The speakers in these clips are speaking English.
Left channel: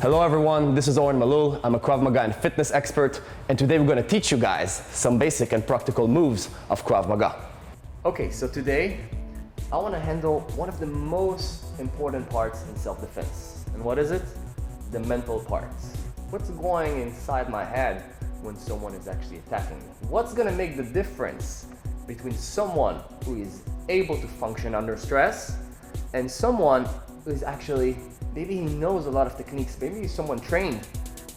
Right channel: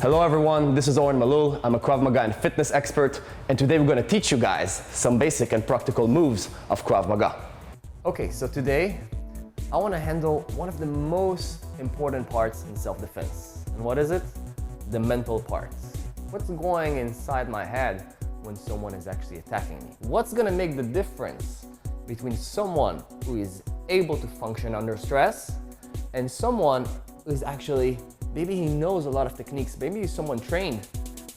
Hello everyone, this is Oren Malul. I'm a Krav Maga and fitness expert, and today we're going to teach you guys some basic and practical moves of Krav Maga. Okay, so today I want to handle one of the most important parts in self-defense. And what is it? The mental parts. What's going inside my head when someone is actually attacking me? What's going to make the difference between someone who is able to function under stress and someone who is actually, maybe he knows a lot of techniques, maybe he's someone trained,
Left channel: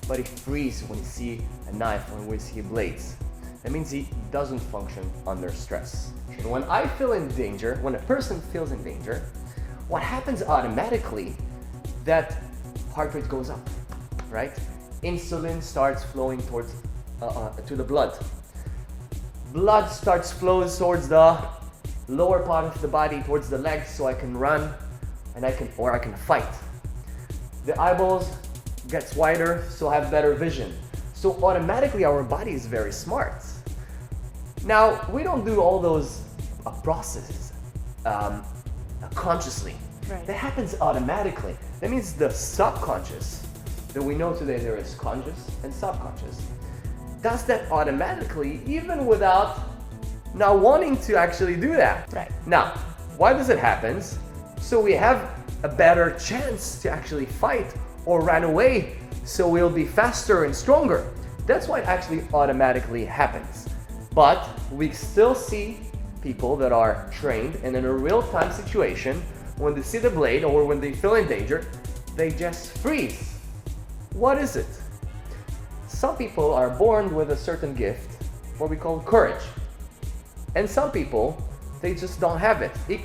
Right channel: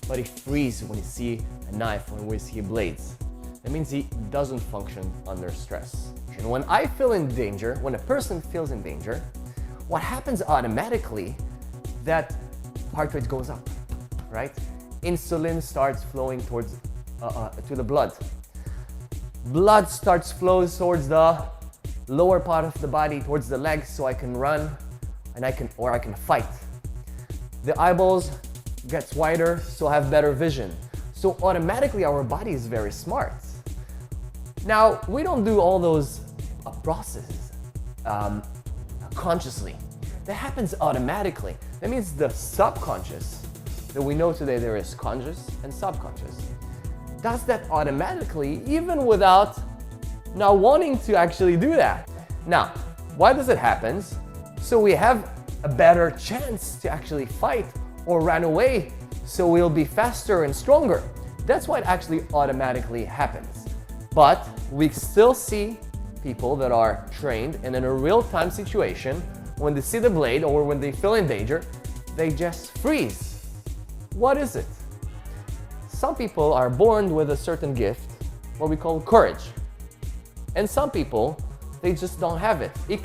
but he freezes when he sees a knife or when he sees blades. That means he doesn't function under stress. And when I feel in danger, when a person feels in danger, what happens automatically, that heart rate goes up, right? Insulin starts flowing towards to the blood. Blood starts flowing towards the lower part of the body, towards the legs, so I can run and I can fight. The eyeballs gets wider, so I have better vision. So automatically our body is very smart. Now, we don't do all those processes consciously. Right. That happens automatically. That means the subconscious, that we know today there is conscious and subconscious, does that automatically, even without now wanting to actually do that. Right. Now, why does it happen? So we have a better chance to actually fight or run away, so we'll be faster and stronger. That's why it actually automatically happens. But we still see people that are trained and in a real-time situation, when they see the blade or when they feel in danger, they just freeze. What is it? Some people are born with a certain gift, what we call courage. And some people, they just don't have it. It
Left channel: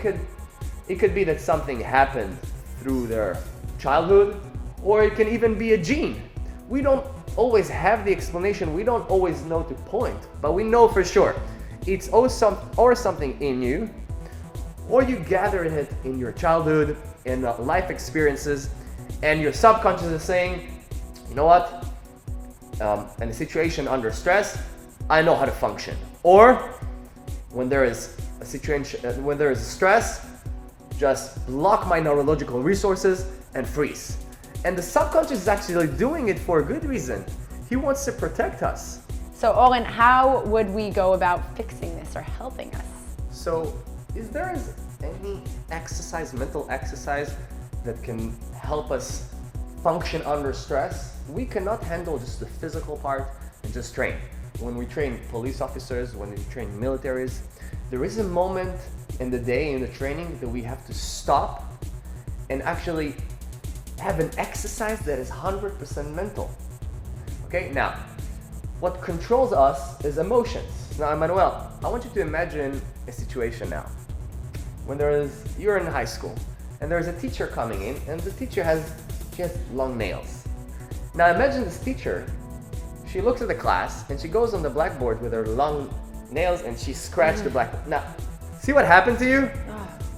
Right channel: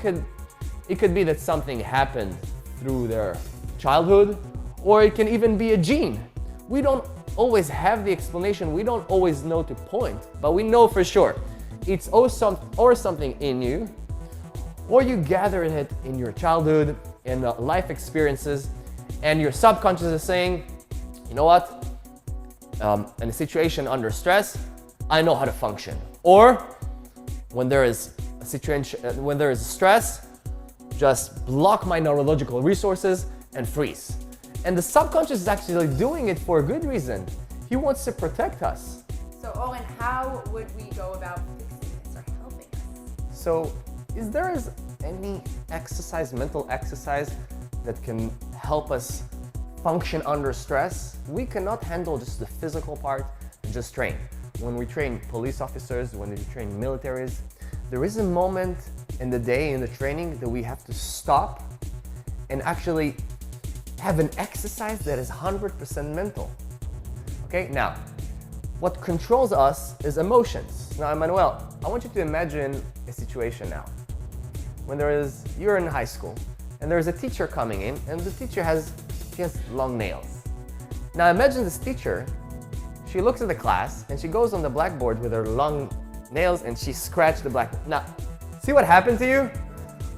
could be that something happened through their childhood, or it can even be a gene. We don't always have the explanation, we don't always know to point, but we know for sure it's or something in you, or you gathered it in your childhood, in life experiences, and your subconscious is saying, you know what, in a situation under stress, I know how to function. Or when there is a situation, when there is stress, just block my neurological resources and freeze. And the subconscious is actually doing it for a good reason. He wants to protect us. So Oren, how would we go about fixing this or helping us? So is there any exercise, mental exercise, that can help us function under stress? We cannot handle just the physical part and just train. When we train police officers, when we train militaries, there is a moment in the day, in the training, that we have to stop and actually have an exercise that is 100% mental. Okay, now, what controls us is emotions. Now, Emmanuel, I want you to imagine a situation now. When you're in high school, and there's a teacher coming in, and the teacher has just long nails. Now, imagine this teacher, she looks at the class, and she goes on the blackboard with her long nails, and she scratched the blackboard. Now, see what happened to you?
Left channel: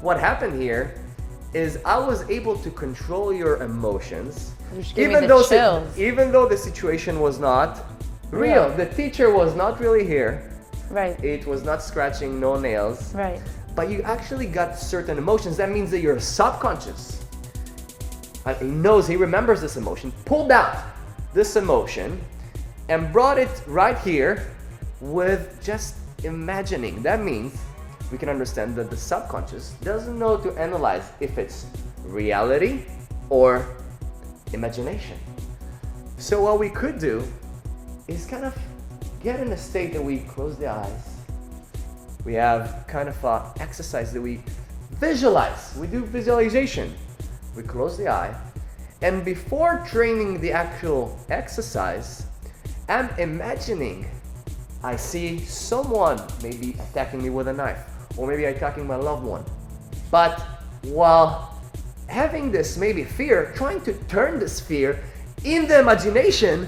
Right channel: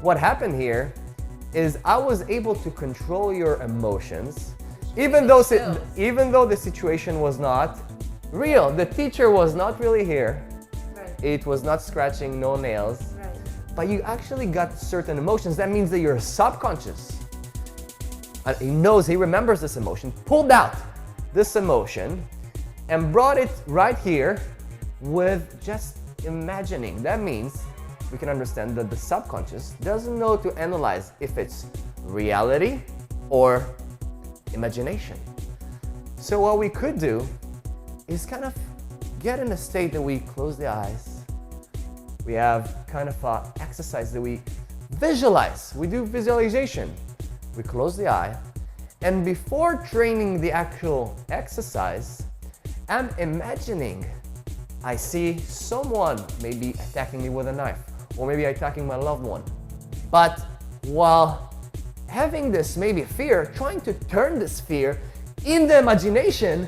What happened here is I was able to control your emotions, even though the situation was not real. The teacher was not really here. Right. It was not scratching, no nails. Right. But you actually got certain emotions. That means that your subconscious, he remembers this emotion, pulled out this emotion and brought it right here with just imagining. That means we can understand that the subconscious doesn't know to analyze if it's reality or imagination. So what we could do is kind of get in a state that we close the eyes. We have kind of an exercise that we visualize. We do visualization. We close the eye, and before training the actual exercise, I'm imagining I see someone maybe attacking me with a knife, or maybe attacking my loved one. But while having this maybe fear, trying to turn this fear in the imagination,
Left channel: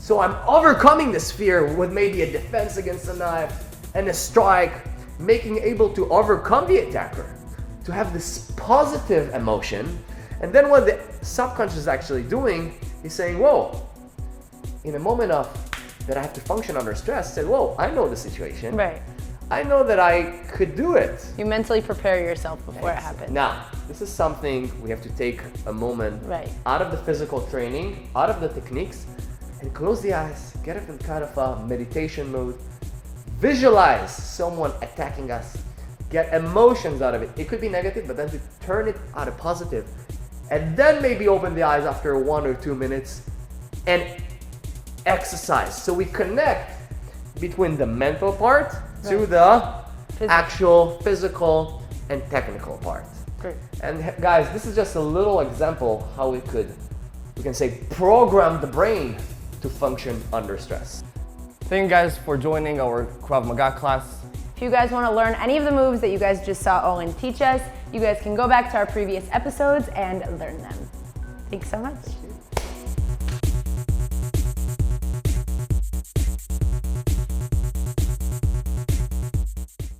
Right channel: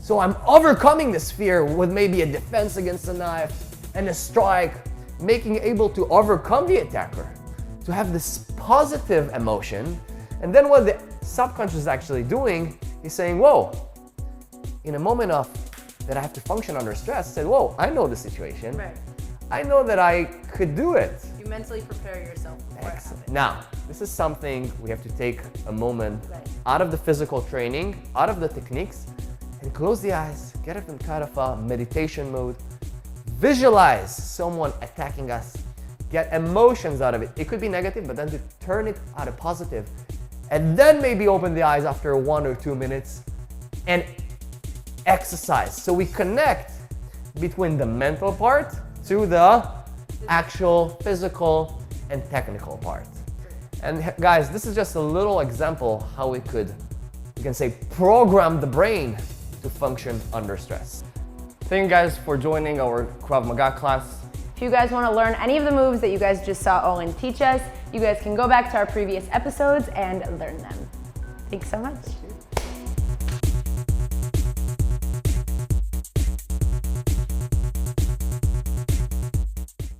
so I'm overcoming this fear with maybe a defense against a knife and a strike, making able to overcome the attacker, to have this positive emotion. And then what the subconscious is actually doing is saying, whoa, in a moment of that I have to function under stress, say, whoa, I know the situation. Right. I know that I could do it. You mentally prepare yourself before it happens. Now, this is something we have to take a moment out of the physical training, out of the techniques, and close the eyes, get into kind of a meditation mode, visualize someone attacking us, get emotions out of it. It could be negative, but then to turn it out of positive, and then maybe open the eyes after 1 or 2 minutes and exercise. So we connect between the mental part to the actual physical and technical part. Great. And guys, this is just a little example how we can say, program the brain to function under stress. Thank you guys for joining our Krav Maga class. If you guys want to learn any of the moves that you guys just saw Owen teach us, you guys can go back to our previous episodes and learn them. Thanks so much.